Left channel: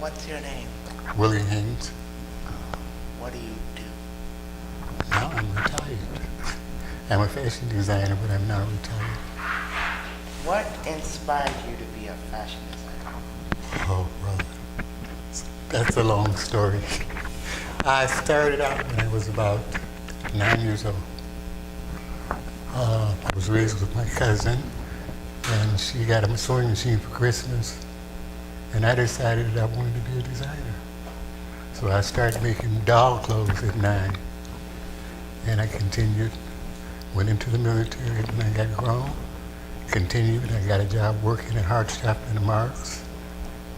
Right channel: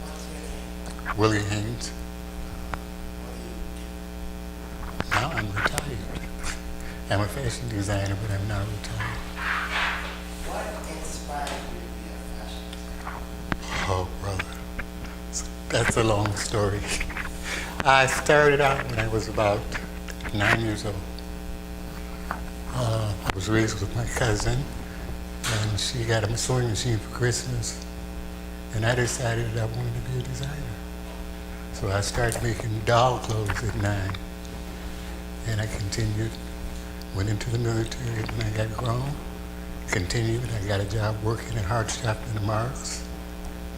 What's your name? WilliamHanes1. What do you do? Now I'm retired. I'm a fashion designer, but I'm not retired. What inspired you to be a fashion designer? Oh, brother. That's a long story. I started out when I was about 9 years old. I was raised with my cousin, and she got a sewing machine for Christmas, and I decided I wanted to be a designer. So I started making doll clothes at 9, and I continued, went into the military when I got grown, continued, I got a job working at Hart Shop in the Marks,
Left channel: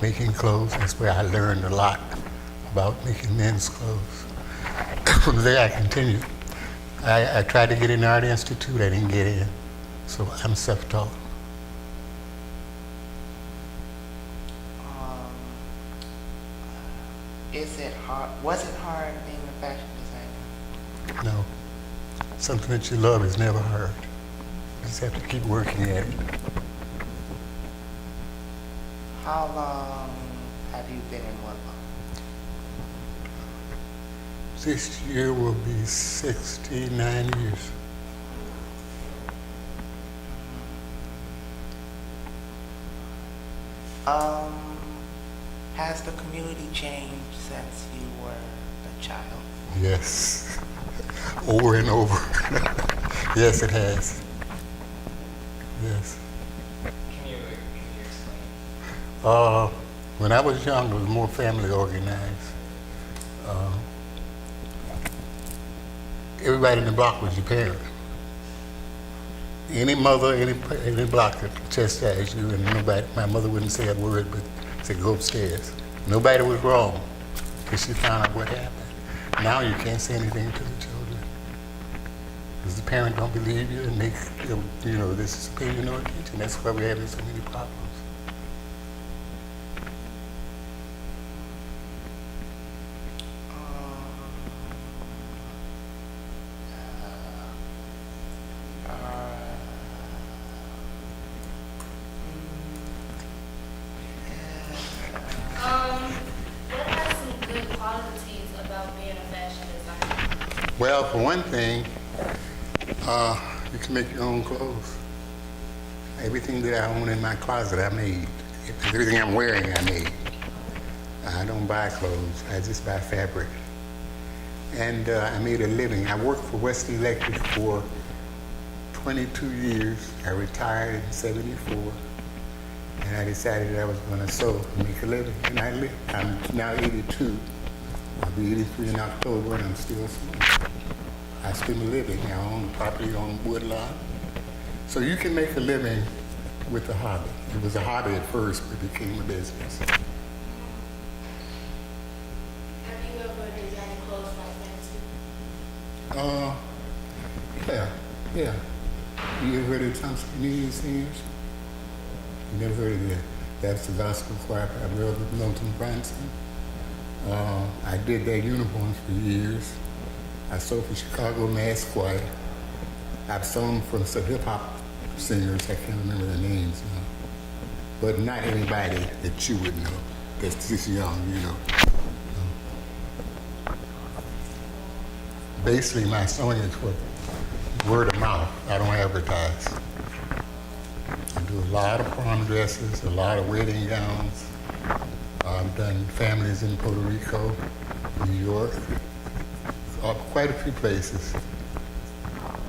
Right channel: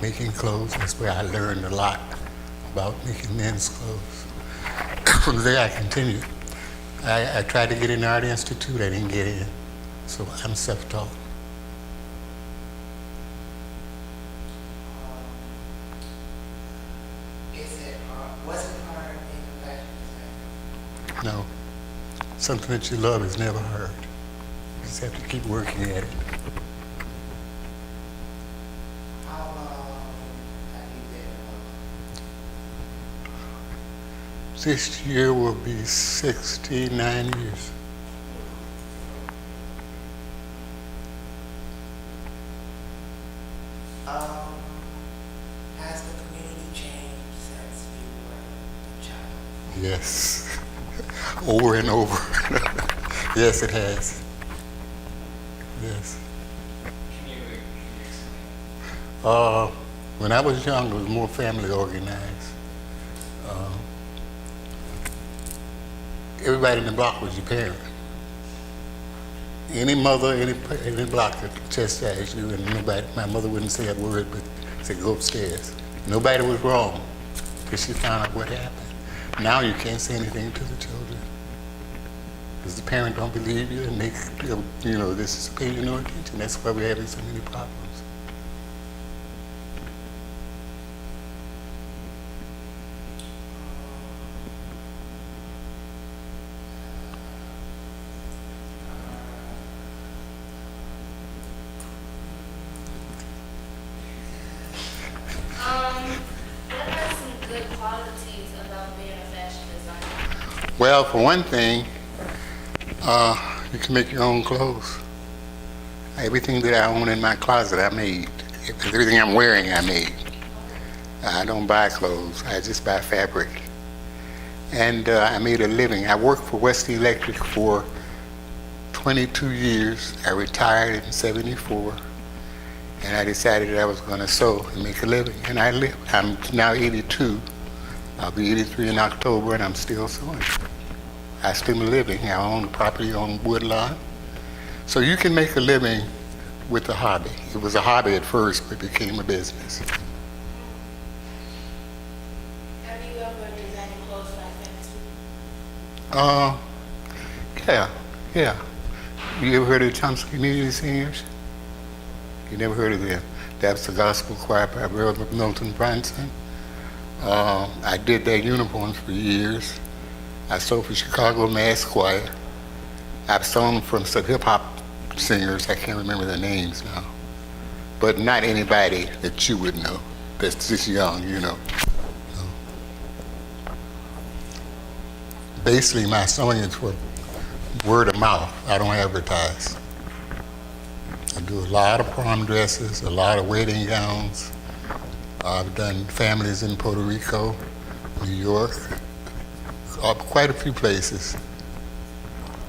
making clothes. That's where I learned a lot about making men's clothes. From there I continued. I tried to get in the Art Institute, I didn't get in, so I'm self-taught. Is it hard? Was it hard being a fashion designer? No, something that you love is never hard. You just have to keep working at it. How long have you been in Woodlawn? This year will be 69 years. Has the community changed since you were a child? Yes, over and over. Yes, it has. Yes. Can you explain? When I was young, it was more family organized. Everybody in the block was your parent. Any mother, any block could chastise you, and nobody. My mother wouldn't say a word, but say go upstairs. Nobody was wrong till she found out what happened. Now you can't say anything to the children because the parent don't believe you, and they, this is paying you no attention. That's why we're having so many problems. What are some good qualities about being a fashion designer? Well, for one thing, you can make your own clothes. Everything that I own in my closet, I made. Everything I'm wearing, I made. I don't buy clothes. I just buy fabric. And I made a living. I worked for West Electric for 22 years. I retired in '74. And I decided that I was going to sew and make a living. And I lived. I'm now 82. I'll be 83 in October, and I'm still sewing. I still living. I own property on Woodlawn. So you can make a living with a hobby. It was a hobby at first, but it became a business. Have you ever designed clothes like that too? Yeah. You ever heard of the Thompson Community Singers? You never heard of them? That's the gospel choir by Brother Milton Bronson. I did their uniforms for years. I sewed for Chicago Mass Choir. I've sewn from some hip-hop singers. I can't remember their names now. But not anybody that you would know that's just young, Basically, my sewing is for word of mouth. I don't advertise. I do a lot of prom dresses, a lot of wedding gowns. I've done families in Puerto Rico, New York, quite a few places.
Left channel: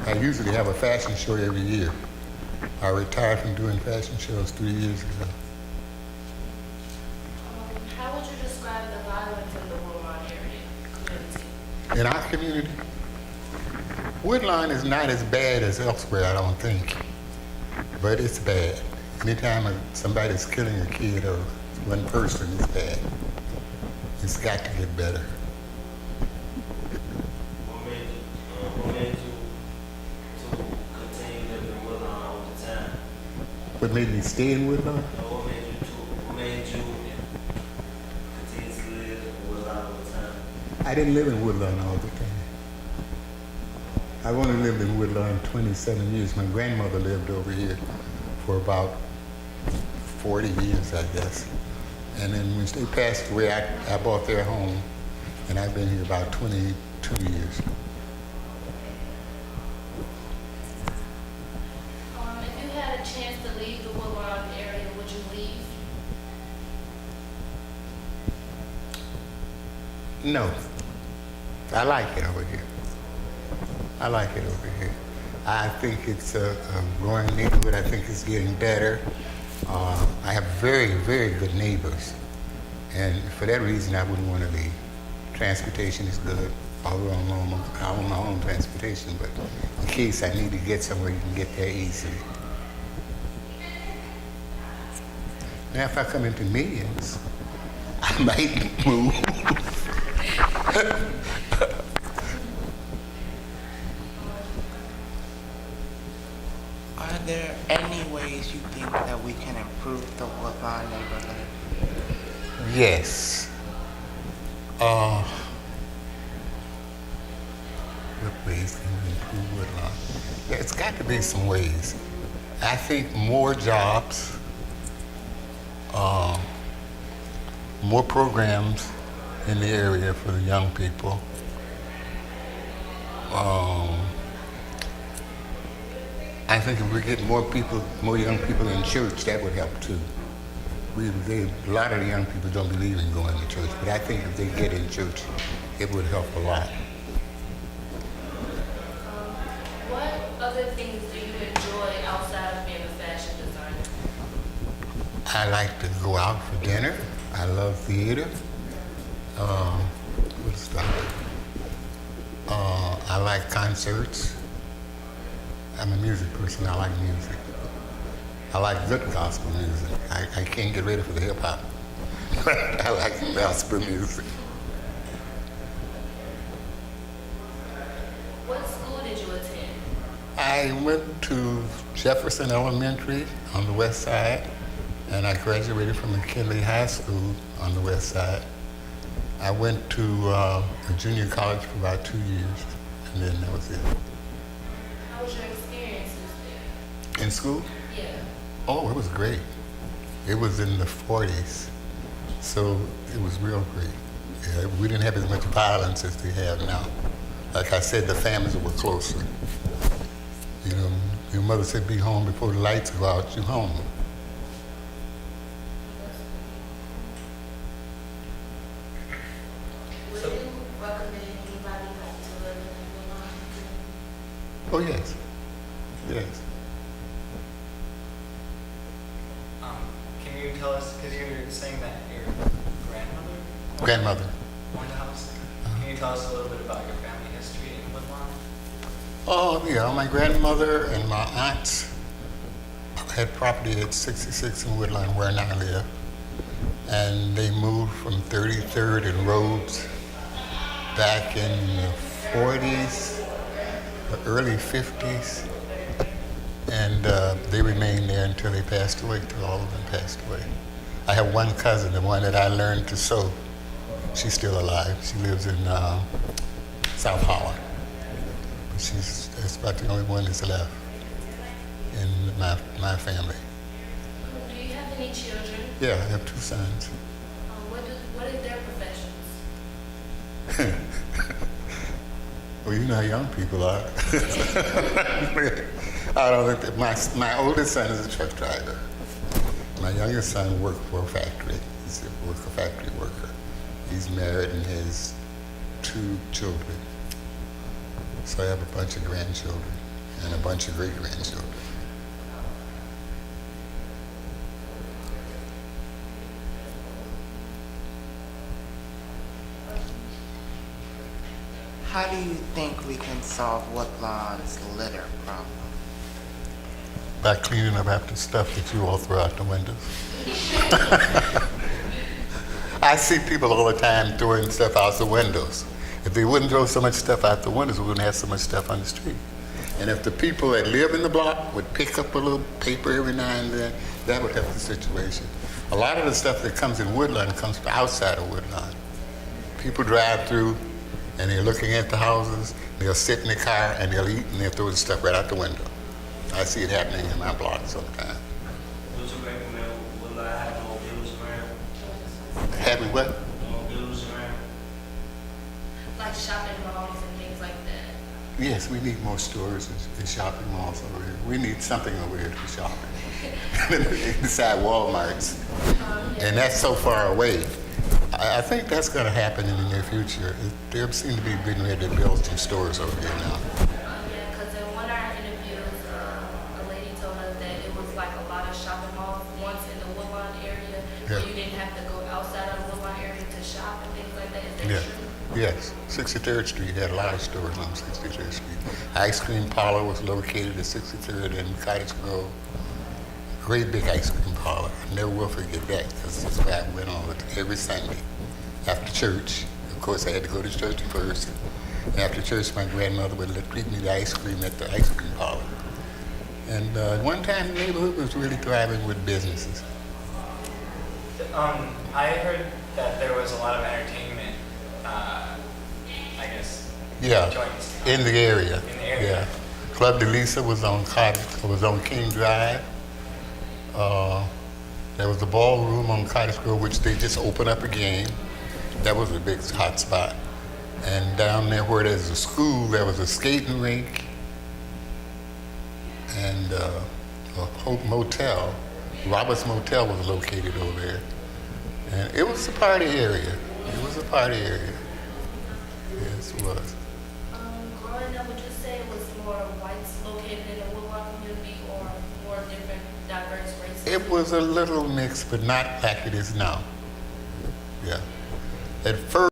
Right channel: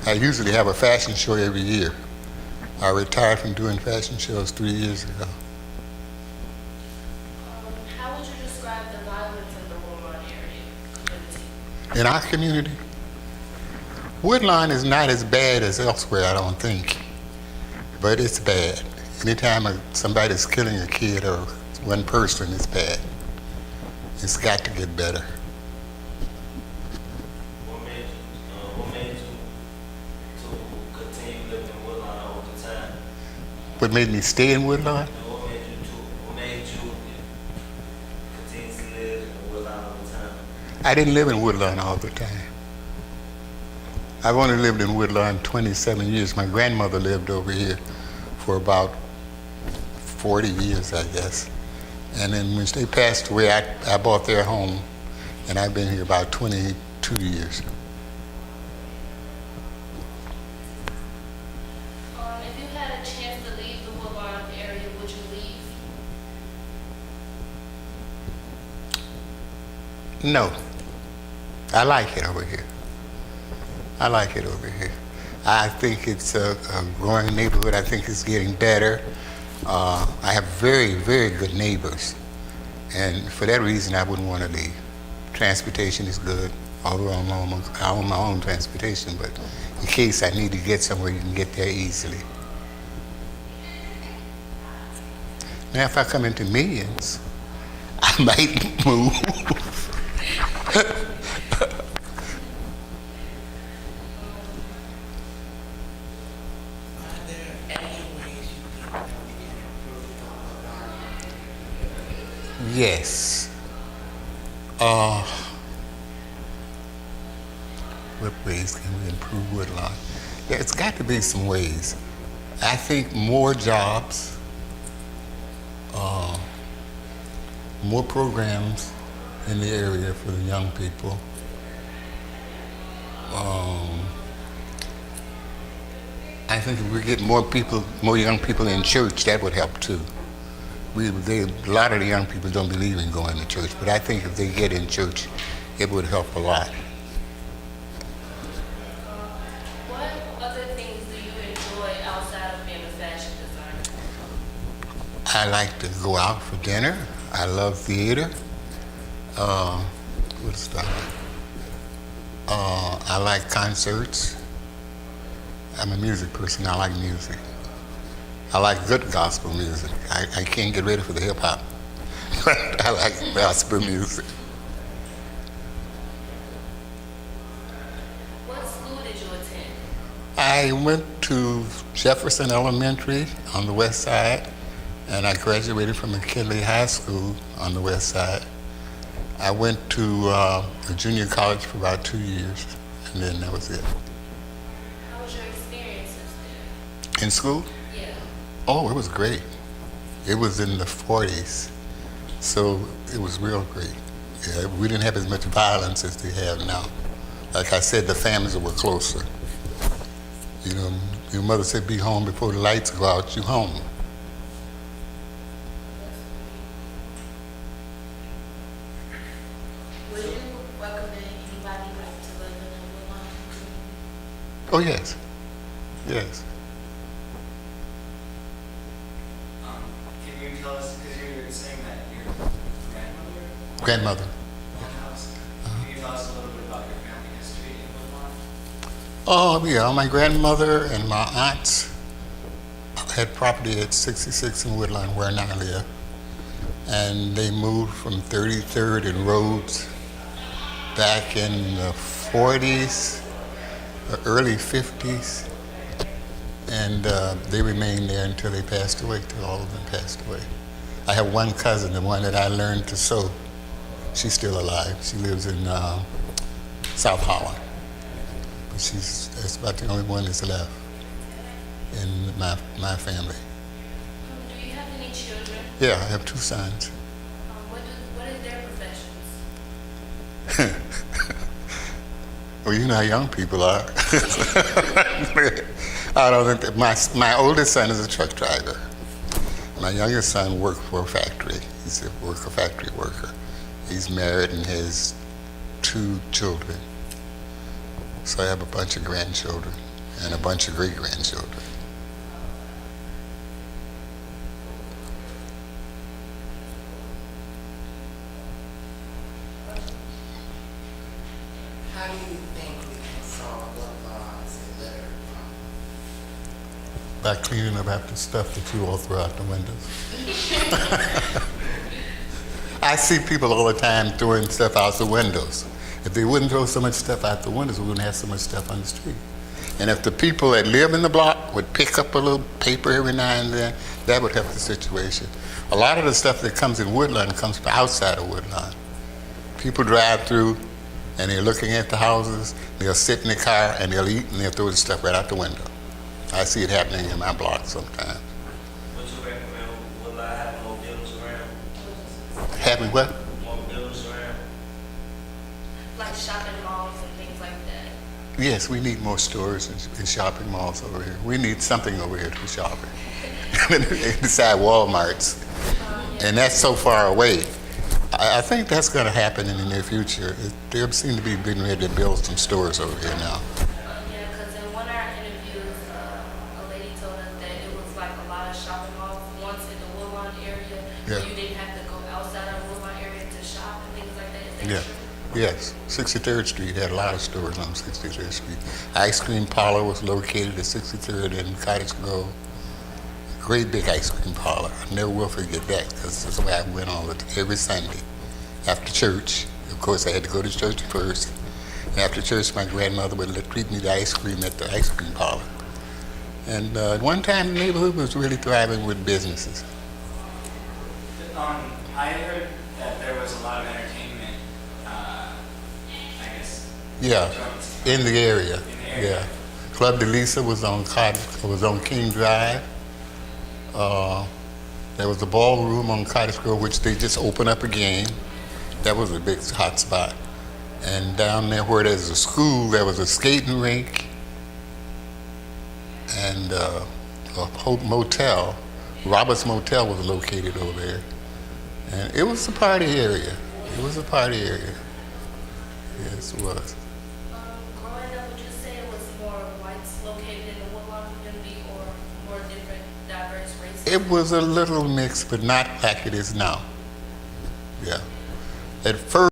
I usually have a fashion show every year. I retired from doing fashion shows 3 years ago. How would you describe the violence in the Woodlawn area community? In our community, Woodlawn is not as bad as elsewhere, I don't think, but it's bad. Anytime somebody's killing a kid or one person, it's bad. It's got to get better. What made you to continue living in Woodlawn all the time? What made me stay in Woodlawn? What made you continue to live in Woodlawn all the time? I didn't live in Woodlawn all the time. I've only lived in Woodlawn 27 years. My grandmother lived over here for about 40 years, I guess. And then when they passed away, I bought their home, and I've been here about 22 years. If you had a chance to leave the Woodlawn area, would you leave? No. I like it over here. I like it over here. I think it's a growing neighborhood. I think it's getting better. I have very, very good neighbors. And for that reason, I wouldn't want to leave. Transportation is good, although I own my own transportation, but in case I need to get somewhere, you can get there easily. Now, if I come into millions, I might move. Are there any ways you think that we can improve the Woodlawn neighborhood? Yes. What ways can we improve Woodlawn? There's got to be some ways. I think more jobs, more programs in the area for the young people. I think if we get more young people in church, that would help too. A lot of the young people don't believe in going to church, but I think if they get in church, it would help a lot. What other things do you enjoy outside of being a fashion designer? I like to go out for dinner. I love theater. What stuff? I like concerts. I'm a music person. I like music. I like good gospel music. I can't get ready for the hip hop. I like gospel music. What school did you attend? I went to Jefferson Elementary on the west side, and I graduated from McKinley High School on the west side. I went to a junior college for about 2 years, and then that was it. How was your experiences there? In school? Yeah. Oh, it was great. It was in the 40s, so it was real great. Yeah, we didn't have as much violence as they have now. Like I said, the families were closer. You know, your mother said, be home before the lights go out, you home. Would you recommend anybody to live in the Woodlawn? Oh, yes. Yes. Can you tell us, because you're saying that your grandmother Grandmother. owned the house, can you tell us a little bit about your family history in Woodlawn? Oh, yeah, my grandmother and my aunts had property at 66 in Woodlawn, where I live. And they moved from 33rd and Rhodes back in the 40s, the early 50s. And they remained there until they passed away, till all of them passed away. I have one cousin, the one that I learned to sew. She's still alive. She lives in South Holland. But that's about the only one that's left in my family. Do you have any children? Yeah, I have 2 sons. What is their professions? Well, you know how young people are. I don't think that my oldest son is a truck driver. My youngest son works for a factory. He's a factory worker. He's married and has 2 children. So I have a bunch of grandchildren and a bunch of great-grandchildren. How do you think we can solve Woodlawn's litter problem? By cleaning up after stuff that you all throw out the windows. I see people all the time throwing stuff out the windows. If they wouldn't throw so much stuff out the windows, we wouldn't have so much stuff on the street. And if the people that live in the block would pick up a little paper every now and then, that would help the situation. A lot of the stuff that comes in Woodlawn comes from outside of Woodlawn. People drive through and they're looking at the houses, they'll sit in the car and they'll eat and they'll throw the stuff right out the window. I see it happening in my block sometimes. Would you recommend Woodlawn have no dealers around? having what? More buildings around. Like shopping malls and things like that? Yes, we need more stores and shopping malls over here. We need something over here for shopping. Besides Walmarts. And that's so far away. I think that's going to happen in the near future. They seem to be getting ready to build some stores over here now. Yeah, because in one of our interviews, a lady told us that it was like a lot of shopping malls once in the Woodlawn area, where Yeah. you didn't have to go outside of the Woodlawn area to shop and things like that. Is that Yeah. true? Yes, 63rd Street had a lot of stores on 63rd Street. Ice cream parlor was located at 63rd and Cottage Grove. Great big ice cream parlor. I never will forget that because that's where I went every Sunday after church. Of course, I had to go to church first. After church, my grandmother would treat me to ice cream at the ice cream parlor. And at one time, the neighborhood was really thriving with businesses. I heard that there was a lot of entertainment, I guess, Yeah, joints. in the area. In the area. Yeah, Club de Lisa was on King Drive. There was a ballroom on Cottage Grove, which they just opened up again. That was a big hot spot. And down there where there's a school, there was a skating rink and a motel. Robert's Motel was located over there. And it was a party area. It was a party area. Yes, it was. Growing up, would you say it was more whites located in the Woodlawn community or more different diverse races? It was a little mix, but not like it is now. Yeah. At first,